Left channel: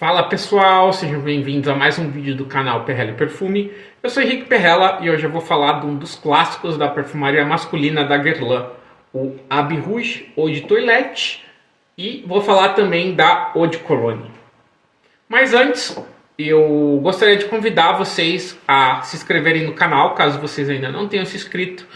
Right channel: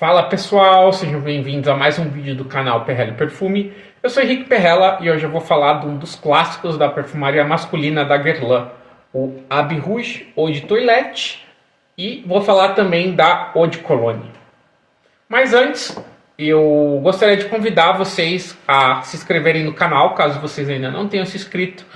Fala pessoal, sejam bem-vindos a mais um vídeo do canal Perrella Perfume. Eu sou Henrique Perrella e hoje eu vou falar de um dos clássicos da perfumaria masculina da Guerlain, o Abbé Rouge Eau de Toilette, e vou falar também da Eau de Cologne. Mas antes, eu gostaria de convidar vocês a se inscreverem no canal, caso vocês ainda não tenham se inscrito.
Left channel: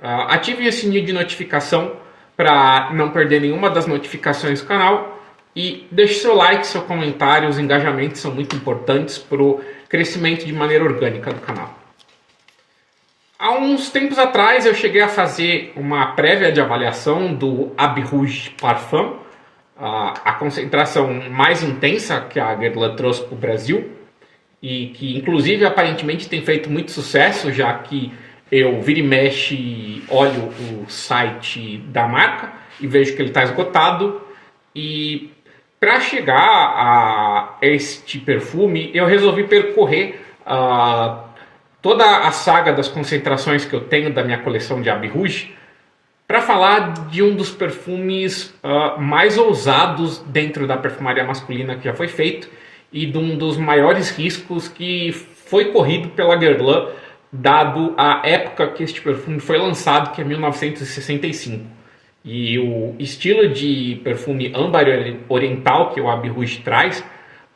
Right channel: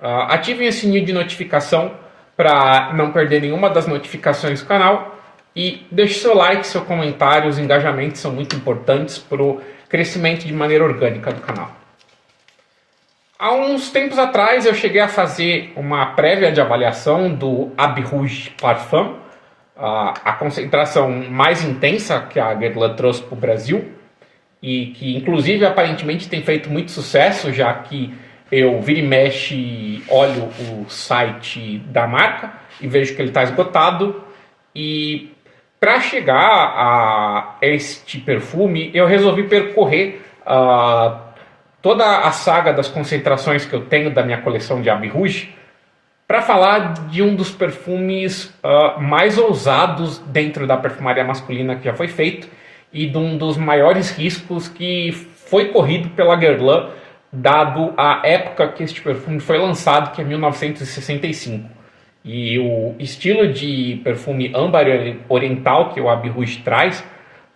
Ativem o sininho de notificação para não perder nenhuma das notificações do canal. E deixe seu like, seu comentário, os engajamentos são muito importantes para o crescimento de maneira orgânica do canal. Há uns tempos atrás eu cheguei a fazer uma prévia de avaliação do Abbé Rouge Parfum, a concentração mais intensa que a Guerlain trouxe para o Brasil, e que inclusive aparentemente tem feito muito sucesso, já que eu vira e mexe olho o site da marca e vejo que ele está esgotado. E para chegar a este perfume, eu resolvi percorrer toda a saga das concentrações que eu tenho da minha coleção de Abbé Rouge para falar de um dos perfumes mais ousados dentro da perfumaria masculina que já foi feito e de um dos maiores riscos que foi corrido pela Guerlain, dado a época que este perfume foi lançado, que é 1965. E o estilo de perfume âmbar oriental que o Abbé Rouge traz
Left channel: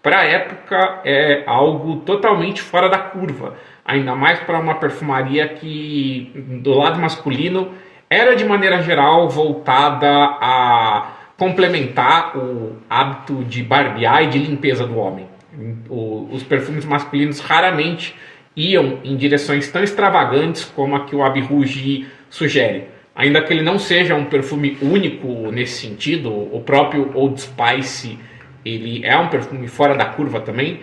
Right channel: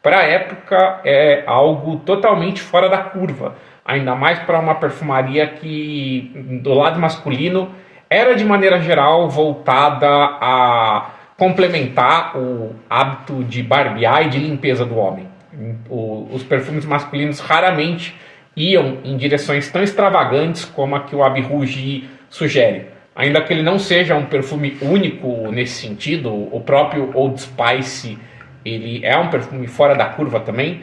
para a época é algo totalmente fora da curva. Ainda mais para uma perfumaria que, do lado masculino, era de maneira geral voltada a complementar o hábito de barbear e de limpeza do homem. Os perfumes masculinos raramente iam em direções tão extravagantes como a que o Abbé Rouge sugere. Ainda que ele não seja um perfume único nesse sentido, o próprio Old Spice ele é um perfume fora da curva também,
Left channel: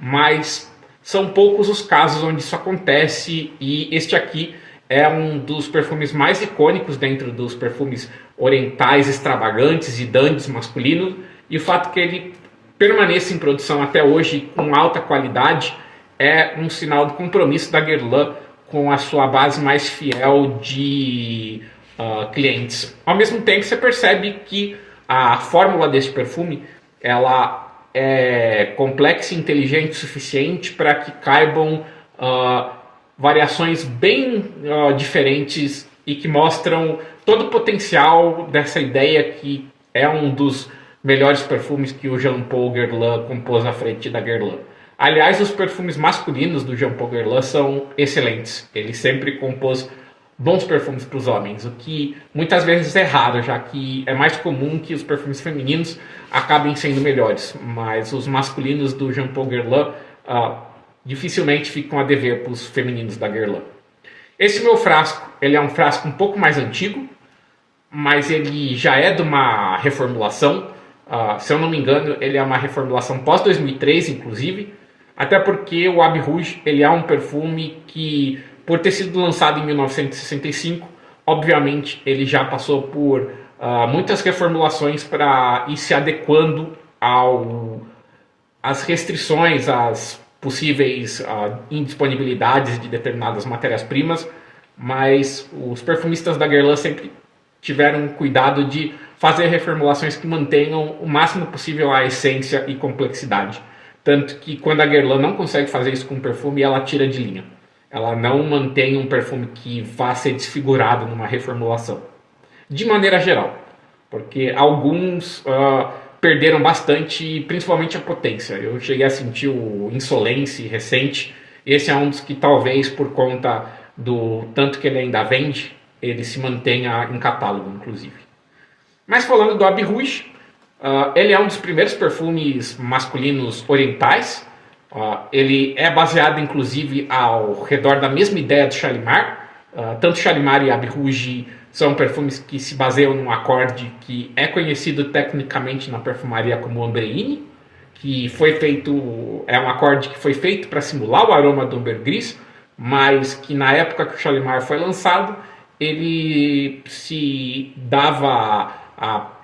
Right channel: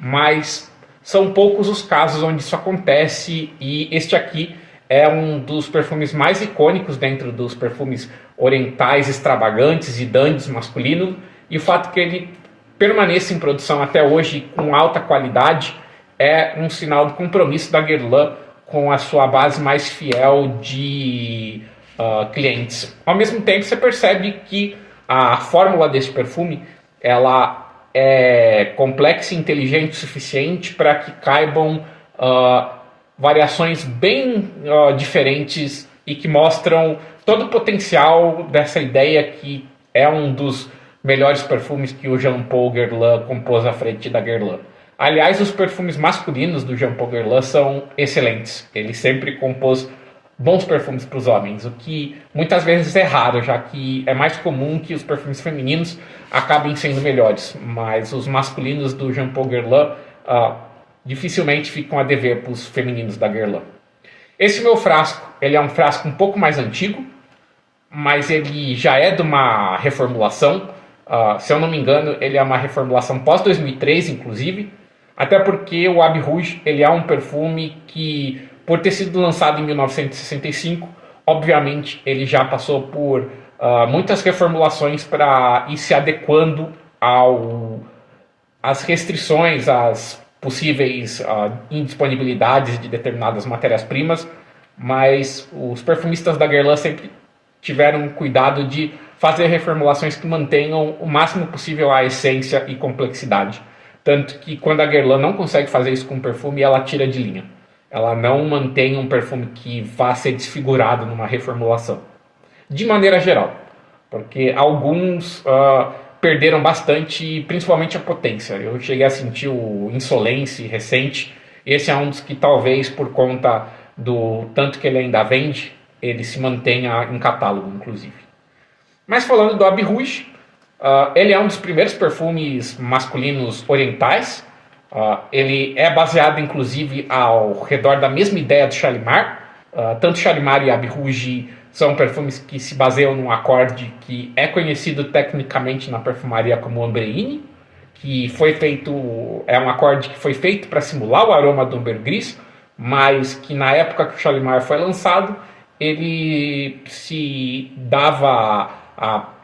mas são poucos os casos onde isso acontece, e este aqui é um dos perfumes mais icônicos dentro dos perfumes orientais extravagantes e dandies masculinos, e o fato que ele permaneça em produção até hoje com alta qualidade é um sinal do compromisso da Guerlain com a sua base mais fiel de clientes. Ao mesmo tempo, você percebe que a fórmula desse perfume ela é complexa e inteligente o suficiente para que caibam variações bem diferentes e que mostram todo o potencial dessa ideia que é um dos melhores perfumes que o Jean Paul Guerlain compôs à frente da Guerlain. Aliás, os perfumes masculinos do Jean Paul Guerlain são excelentes. Ele sempre compôs bons perfumes para os homens, o que muitas vezes é raro, já que é mais comum que os perfumes femininos acabem sendo melhores. Mas os masculinos do Jean Paul Guerlain dificilmente ficam a dever para os femininos da Guerlain. Esse meu frasco, ele é um frasco um pouco mais antigo, mas ele já é de uma reformulação. Se eu não me engano, ele é uma reformulação pós-2003, inclusive. Até porque o Abbé Rouge ele é um perfume que, por ter sido lançado em 1965, obviamente ele já passou por muitas reformulações para ir se adequando às restrições, às possíveis indisponibilidades de determinadas matérias-primas, mas os perfumistas da Guerlain sempre tiveram cuidado de fazer reformulações que mantenham o máximo possível a essência e complexidade. Tanto que quando a Guerlain não consegue fazer isso com um perfume, ela tira de linha. Ela não mantém um perfume que vá ser desfigurado numa reformulação. De maneira geral. Porque alguns perderam bastante, principalmente a potência. Eu cheguei a sentir o Insolence recente. Esse é um dos que talvez, por conta do tanto que ele ainda vende, ele se mantenha em catálogo, inclusive. Mas falando do Abbé Rouge, ele é um dos primeiros perfumes masculinos orientais. Ele é baseado, inclusive, ao redor da mesma ideia do Shalimar. Tanto Shalimar e Abbé Rouge são perfumes que se baseiam num acorde que é conhecido tecnicamente na perfumaria como Ambreine, que foi feito, é um acorde que foi feito para simular o aroma do ambergris, mas que na época que o Shalimar foi lançado, ele se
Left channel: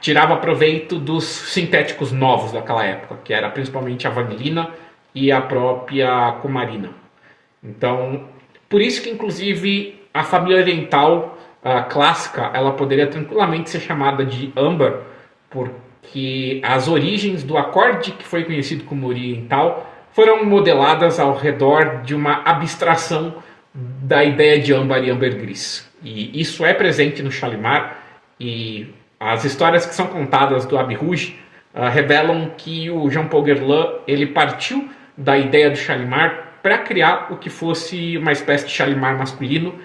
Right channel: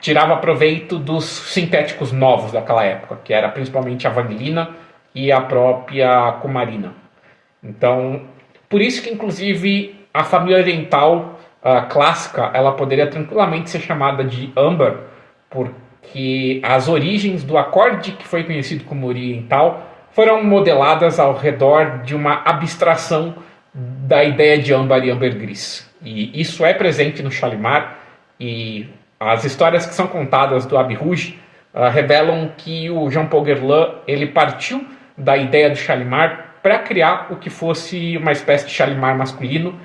tirava proveito dos sintéticos novos daquela época, que era principalmente a vanilina e a própria cumarina. Então, por isso que inclusive a família oriental clássica, ela poderia tranquilamente ser chamada de âmbar, por que as origens do acorde, que foi conhecido como oriental, foram modeladas ao redor de uma abstração da ideia de âmbar e ambergris. E isso é presente no Shalimar, e as histórias que são contadas do Abbey Rouge revelam que o Jean-Paul Guerlain ele partiu da ideia do Shalimar para criar o que fosse uma espécie de Shalimar masculino,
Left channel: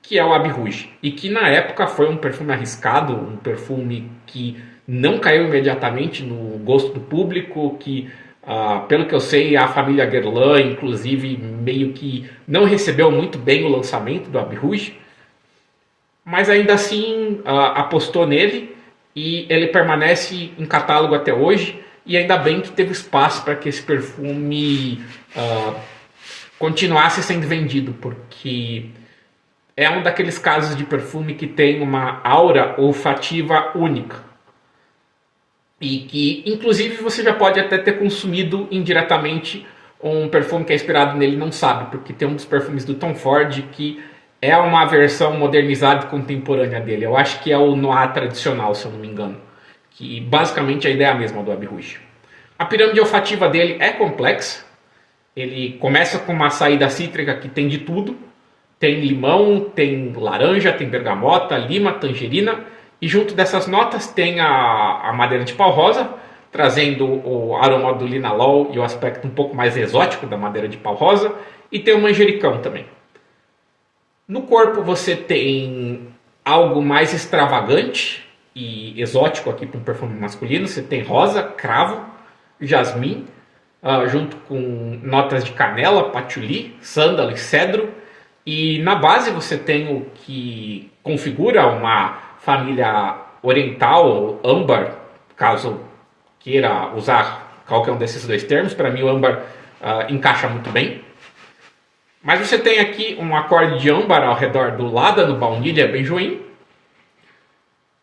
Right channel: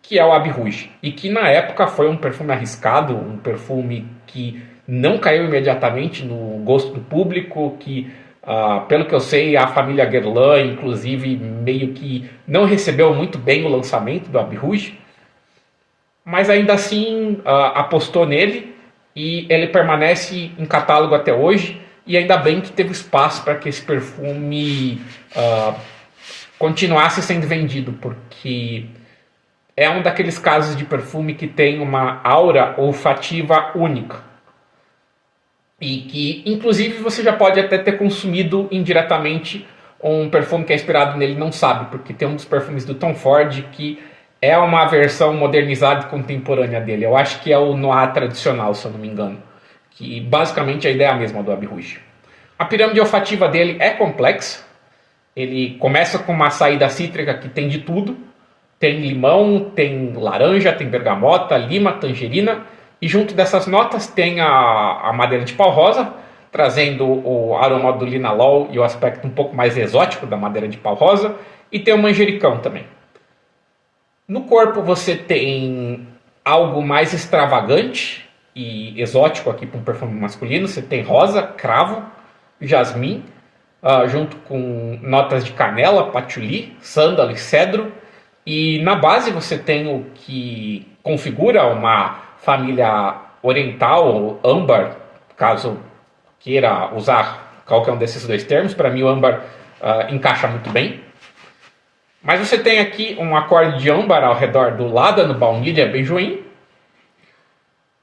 que é o Abbey Rouge, e que na época foi um perfume arriscado, um perfume que não caiu imediatamente no gosto do público, que, pelo que eu sei, a família Guerlain, inclusive, meio que não recebeu muito bem o lançamento do Abbey Rouge, mas ainda assim apostou nele, e ele permanece em catálogo até hoje, e ainda bem que teve espaço para que esse perfume continuasse sendo vendido, porque é um daqueles casos de perfume que tem uma aura olfativa única. E que, inclusive, você já pode até ter consumido indiretamente um perfume que é inspirado nele e não sabe, porque tem um dos perfumes do Tom Ford que é uma versão modernizada e contemporânea dele. Eu acho que é o Noir tradicional, se eu não me engano. Que basicamente a ideia é a mesma do Abbey Rouge. A pirâmide olfativa dele é complexa. Ele começa com uma saída cítrica que tem de tudo. Tem limão, tem laranja, tem bergamota, lima, tangerina. E junto dessas notas tem a madeira de pau rosa, trazendo o aroma do linalol e o aspecto um pouco mais exótico da madeira de pau rosa. E tem o manjericão também. No corpo você tem algo mais extravagante e exótico aqui para um perfume masculino. Você tem rosa, cravo, jasmim, junto com notas de canela, patchouli, sândalo e cedro. E na base você tem o que configura uma família oriental, âmbar, caso queira usar qualquer um desses dois termos. Para mim o âmbar encaixa muito bem. Mas você tem aqui um acorde de âmbar ao redor do ládano, baunilha, benjoim.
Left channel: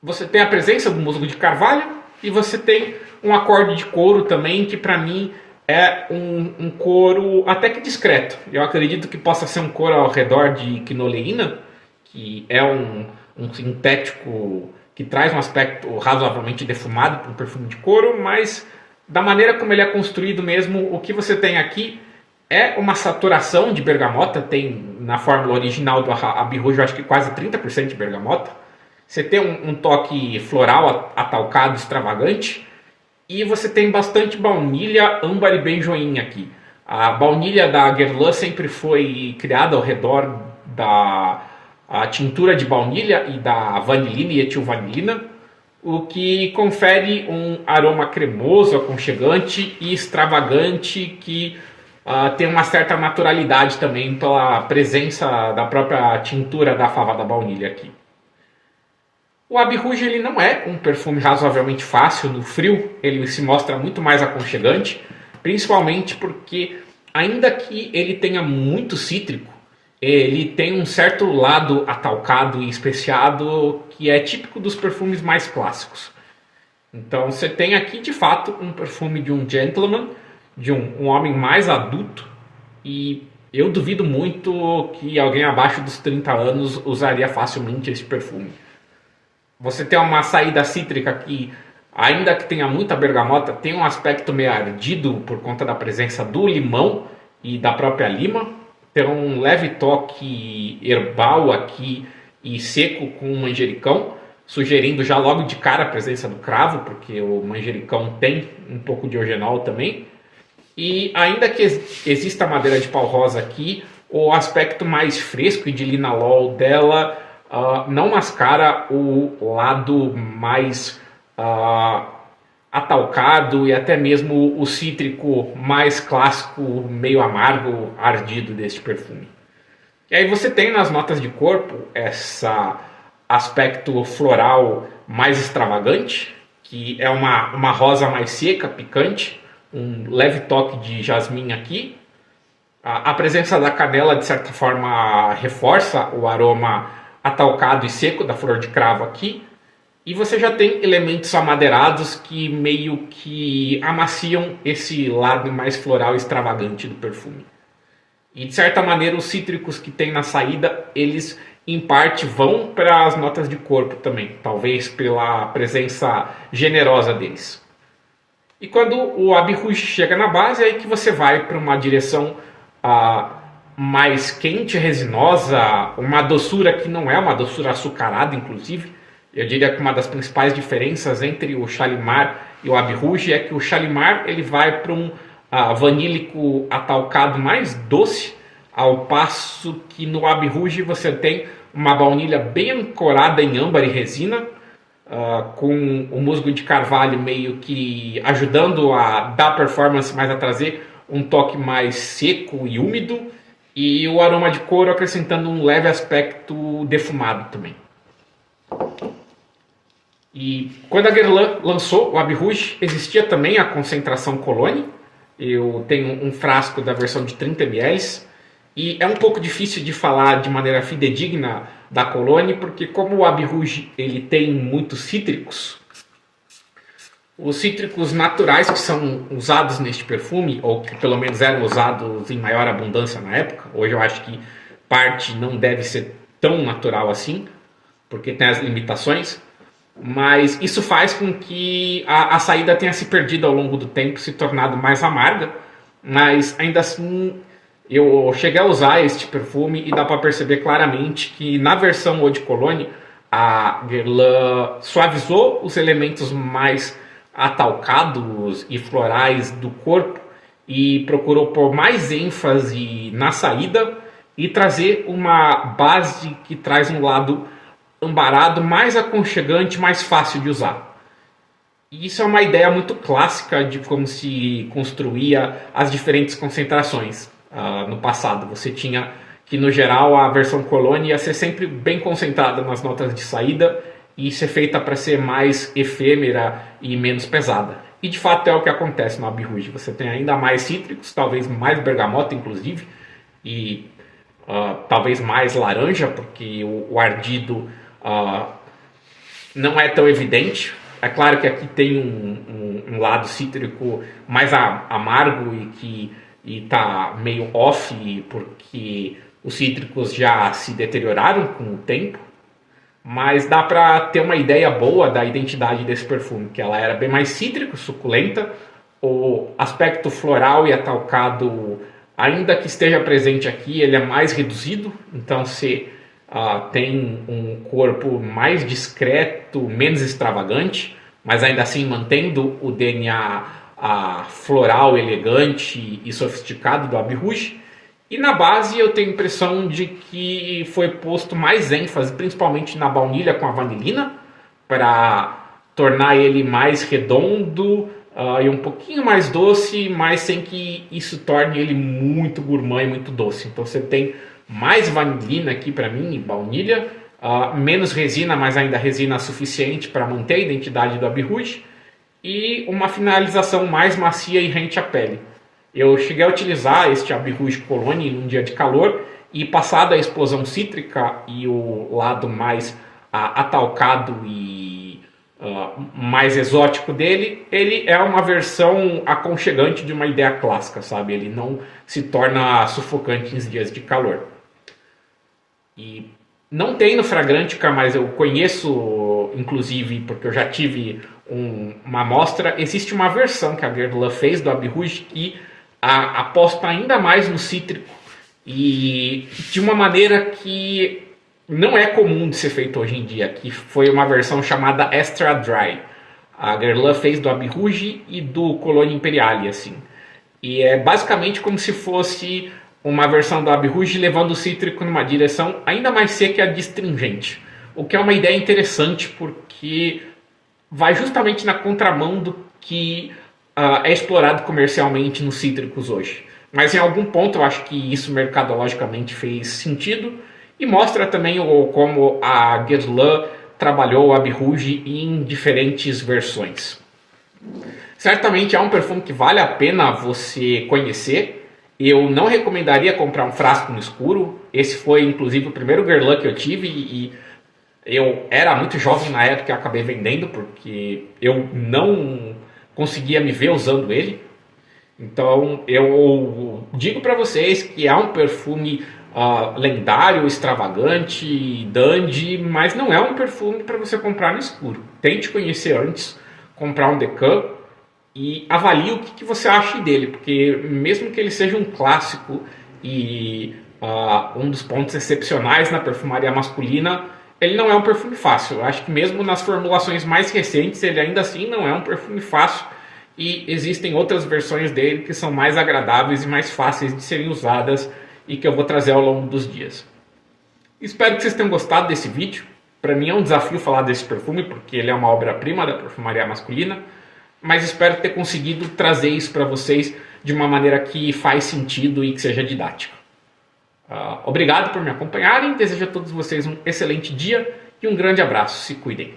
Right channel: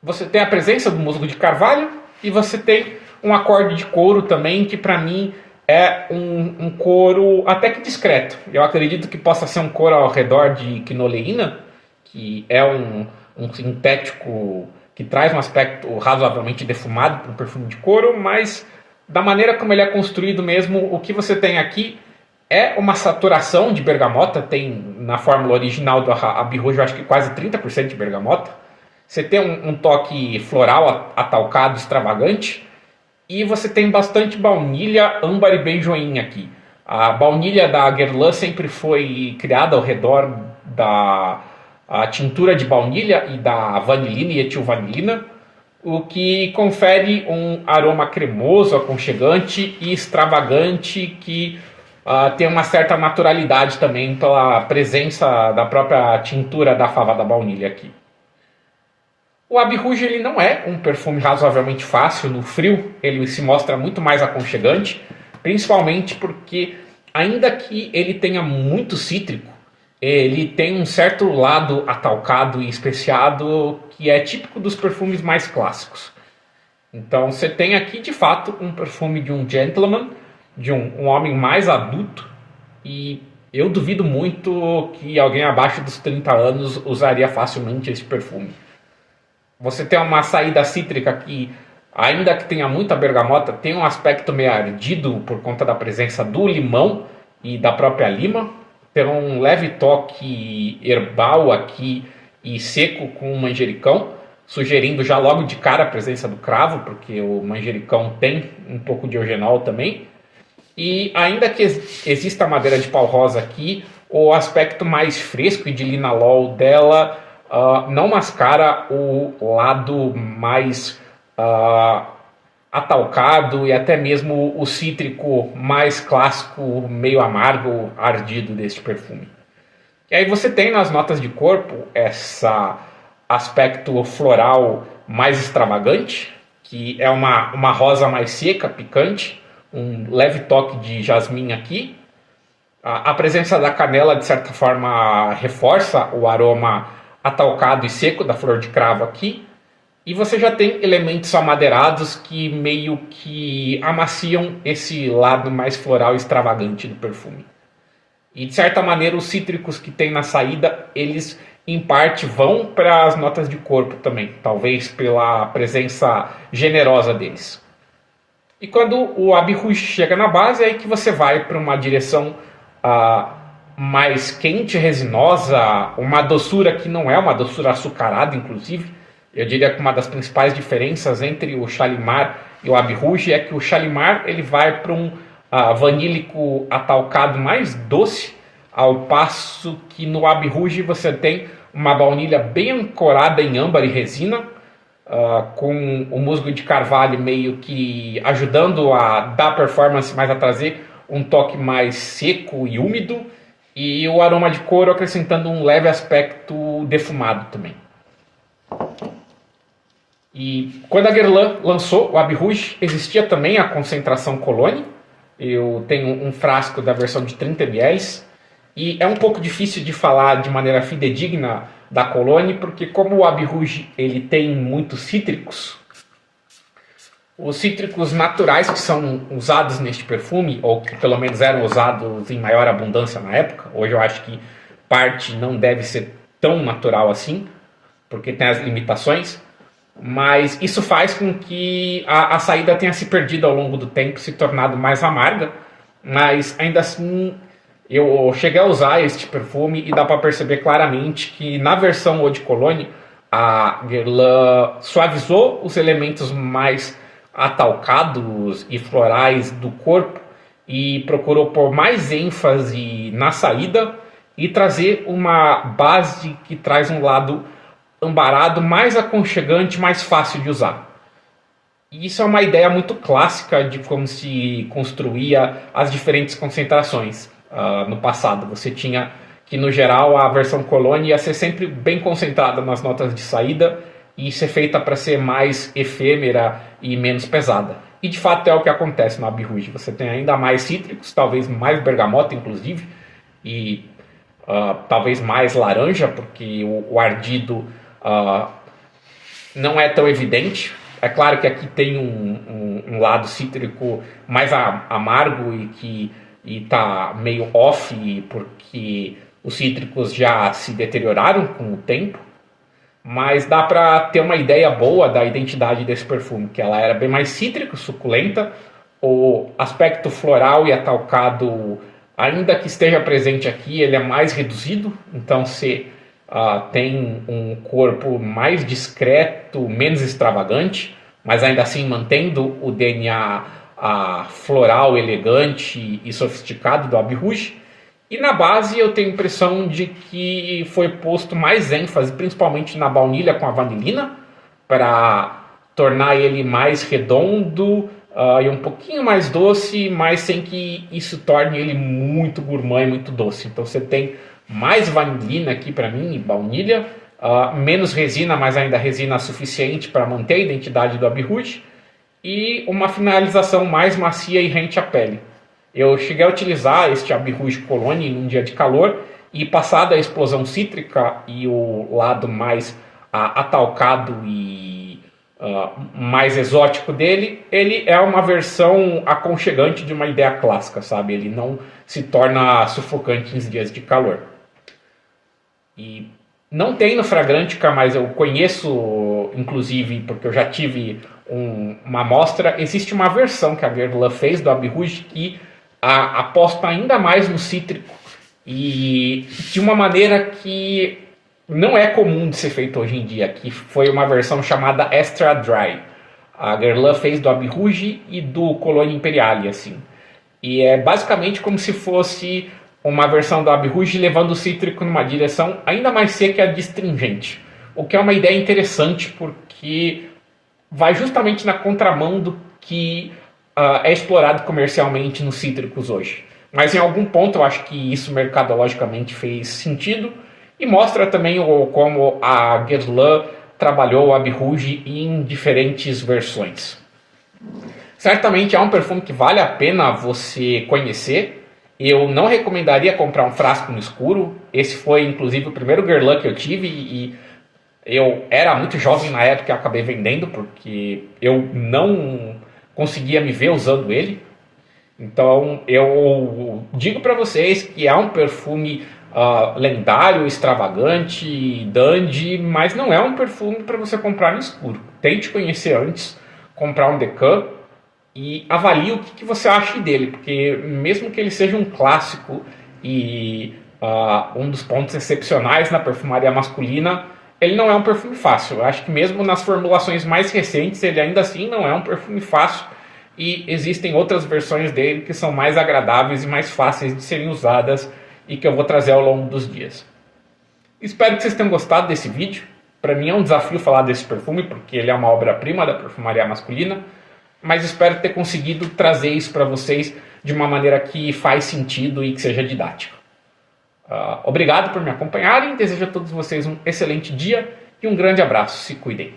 Você tem a presença do musgo de carvalho. E você tem um acorde de couro também, que para mim é um couro até que discreto. Eu acredito que possa ser um couro ao redor de quinoleína, que é um sintético que traz um aspecto razoavelmente defumado para um perfume de couro, mas da maneira como ele é construído mesmo, o que você tem aqui é uma saturação de bergamota. Tem na fórmula original do Abbey Rouge, eu acho que quase 30% de bergamota. Você tem um toque floral atalcado, extravagante. E você tem bastante baunilha, âmbar e benjoim aqui. A baunilha da Guerlain sempre foi criada ao redor da tintura de baunilha e da vanilina e etilvanilina, o que confere um aroma cremoso, aconchegante e extravagante que tem uma certa naturalidade também pela presença da própria tintura da fava da baunilha aqui. O Abbey Rouge ele não é um perfume razoavelmente fácil no frio, ele se mostra muito mais aconchegante, principalmente porque, ainda que ele tenha muito cítrico, ele tem um certo lado atalcado e especiado que é típico dos perfumes mais clássicos. Então você tem aqui de fato um perfume de um gentleman, de um homem mais adulto, e eu duvido muito que alguém abaixo dos 30 anos usaria facilmente esse perfume. Você tem uma saída cítrica que, ainda que tenha muita bergamota, tem um aspecto meio ardido por conta da presença do limão e da própria lima. Tem um leve toque herbal aqui e seco com o manjericão, sugerindo já logo de cara a presença do cravo, porque o manjericão tem um pouco de eugenol também. E ainda que exista a madeira de pau rosa aqui, o aspecto mais fresco e de linalol dela não mascara o lado mais atalcado e até mesmo o cítrico mais clássico, meio amargo, ardido deste perfume. E aí você tem nas notas de corpo esse aspecto floral mais extravagante, que é uma rosa mais seca, picante, um leve toque de jasmim aqui. A presença da canela, de certa forma, reforça o aroma atalcado e seco da flor de cravo aqui. E você já tem elementos amadeirados que meio que amaciam esse lado mais floral e extravagante do perfume. E de certa maneira os cítricos que tem na saída, eles em parte vão para as notas de corpo também, talvez pela presença generosa deles. E quando o Abbey Rouge chega na base, é aí que você vai para uma direção mais quente, resinosa, uma doçura que não é uma doçura açucarada, inclusive. Eu diria que uma das principais diferenças entre o Shalimar e o Abbey Rouge é que o Shalimar ele vai para um vanílico atalcado mais doce, ao passo que no Abbey Rouge você tem uma baunilha bem ancorada em âmbar e resina, com o musgo de carvalho meio que ajudando a dar performance, mas a trazer um toque mais seco e úmido, e o aroma de couro acrescentando um leve aspecto defumado também. E quando a Guerlain lançou o Abbey Rouge, existia também a concentração Cologne. Eu tenho um frasco da versão de 30 ml, e é um pouco difícil de falar de maneira fidedigna da Cologne, porque como o Abbey Rouge ele tem muitos cítricos, os cítricos naturais que são usados neste perfume, ou que pelo menos eram usados em maior abundância na época, hoje eu acho que parte não deve ser tão natural assim, porque tem as limitações, mas isso faz com que a saída tenha se perdido ao longo do tempo, se tornado mais amarga, mas ainda assim eu cheguei a usar este perfume e dá para perceber claramente que na versão Eau de Cologne a Guerlain suavizou os elementos mais atalcados e florais do corpo e procurou pôr mais ênfase na saída e trazer uma base que traz um lado ambarado mais aconchegante, mais fácil de usar. E isso é uma ideia muito clássica de como se construía as diferentes concentrações. No passado você tinha que no geral a versão Cologne ia ser sempre bem concentrada nas notas de saída e ser feita para ser mais efêmera e menos pesada. E de fato é o que acontece no Abbey Rouge. Você tem ainda mais cítricos, talvez mais bergamota inclusive, e talvez mais laranja, porque o ardido não é tão evidente. É claro que aqui tem um lado cítrico mais amargo e que está meio off porque os cítricos já se deterioraram com o tempo, mas dá para ter uma ideia boa da identidade desse perfume, que ela era bem mais cítrica, suculenta, o aspecto floral e atalcado, ainda que esteja presente aqui, ele é mais reduzido, então você tem um corpo mais discreto, menos extravagante, mas ainda assim mantendo o DNA floral, elegante e sofisticado do Abbey Rouge. E na base eu tenho a impressão de que foi posto mais ênfase, principalmente na baunilha com a vanilina, para tornar ele mais redondo e um pouquinho mais doce, mas sem que isso torne ele muito gourmand e muito doce. Então você tem mais vanilina aqui para mim e baunilha, menos resina, mas ainda resina suficiente para manter a identidade do Abbey Rouge, e uma finalização mais macia e rente à pele. Eu cheguei a utilizar este Abbey Rouge Cologne num dia de calor e passada a explosão cítrica e o lado mais atalcado e mais exótico dele, ele é uma versão aconchegante de uma ideia clássica, sabe? Ele não se torna sufocante em dias de calor. E não tem no Fragrantica, mas eu conheço, inclusive, porque eu já tive uma amostra, existe uma versão que a Guerlain fez do Abbey Rouge que aposta ainda mais no cítrico e de uma maneira que não é comum de ser feito hoje em dia, que foi uma versão chamada Extra Dry. A Guerlain fez do Abbey Rouge e do Cologne Imperiale, assim. E é basicamente como se fosse uma versão do Abbey Rouge levando o cítrico numa direção ainda mais seca e adstringente. O que é uma ideia interessante porque vai justamente na contramão do que é explorado comercialmente nos cítricos hoje. Mas em algum ponto eu acho que isso mercadologicamente fez sentido e mostra também como a Guerlain trabalhou o Abbey Rouge em diferentes versões. Certamente é um perfume que vale a pena você conhecer. Eu não recomendaria comprar um frasco no escuro. Esse foi inclusive o primeiro Guerlain que eu tive e eu era muito jovem na época e acabei vendendo porque eu não conseguia me ver usando ele. Então eu digo para vocês que é um perfume lendário, extravagante, dandy, mas não é um perfume para você comprar no escuro. Tente conhecer antes, comprar um Decant e avalie o que você acha dele, porque mesmo que ele seja um clássico e um dos pontos excepcionais na perfumaria masculina, ele não é um perfume fácil. Eu acho que mesmo nas formulações mais recentes, ele ainda assim não é um perfume fácil, e existem outras versões dele que são mais agradáveis e mais fáceis de serem usadas e que eu vou trazer ao longo dos dias. Espero que vocês tenham gostado desse vídeo. Para mim é um desafio falar desse perfume, porque ele é uma obra-prima da perfumaria masculina, mas espero ter conseguido trazer isso para vocês de uma maneira que faz sentido e que seja didática. Obrigado por me acompanharem, desejo a todos vocês um excelente dia e um grande abraço. Se cuidem.